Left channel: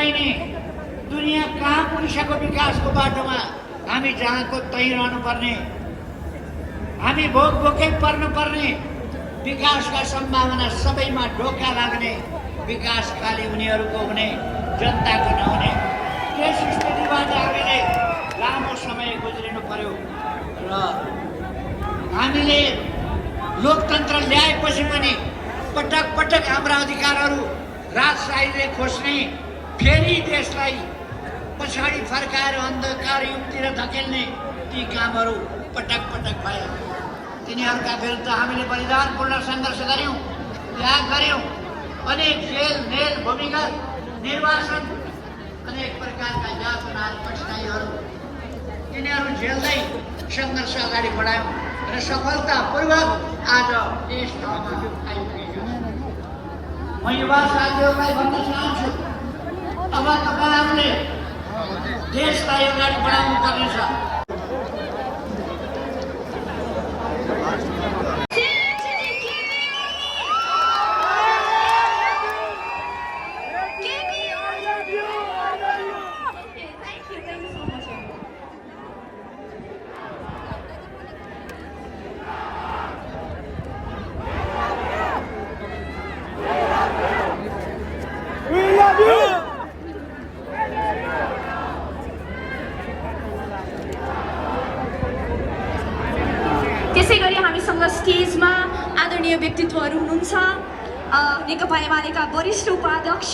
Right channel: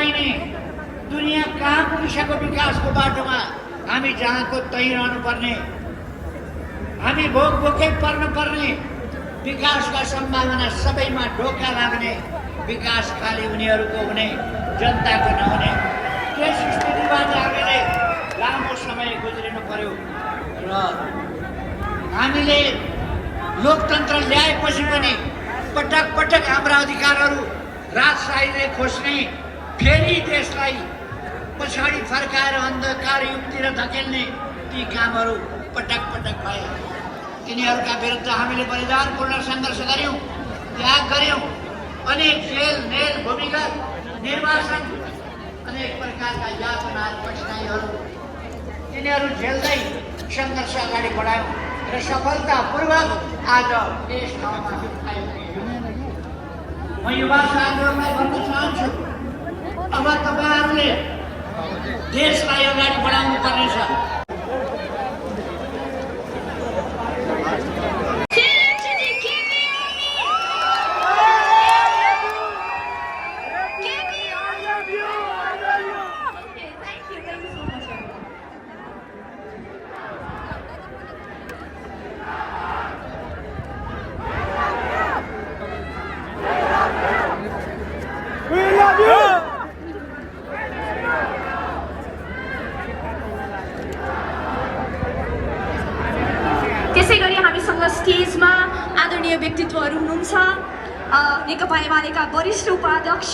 बहिनी, दुनियाँ कहाँ पुगिसक्यो विकासको बाटोमा? हामी जहाँको त्यहीँ रहनुपर्ने, हामी भोक भोकै पर्नुपर्ने, विकासका सम्भावना सबैमा ढोका लाग्ने, विकास खाली उनीहरूको हुने, जनताको नहुने, त्यस स्थितिबाट हामीले लामो समय गुज्रिनु पर्यो। र हामीले लोकतन्त्र ल्याएपछि पनि पटक पटक हाम्रा अधिकारहरू राजशाहीले खोज्ने, फेरि देशलाई पछाडि फर्काएर अन्धकार युगतिर धकेल्ने ती कामहरू पटक पटक भए। तिनीहरूका विरुद्ध हामीले बलिदानपूर्ण सङ्घर्ष गऱ्यौँ, त्याग गऱ्यौँ। अनेक जेल मेल भूमिगत निर्वासन, अनेक प्रकारका यातनाहरू कठिनाइहरू तिनीहरू झेल्दै सङ्घर्ष अगाडि बढायौँ र सफलतापूर्वक आज देश ठाउँमा आइपुगेको। म युवा साथीहरूलाई भन्न चाहन्छु, अब तपाईँहरूले देशलाई अगाडि बढाउनु पर्नेछ। त्यसैगरी हामीसँग स्टेजमा आदरणीय व्यक्तित्वहरू हुनुहुन्छ। नेकपा एमालेका वरिष्ठ उपाध्यक्ष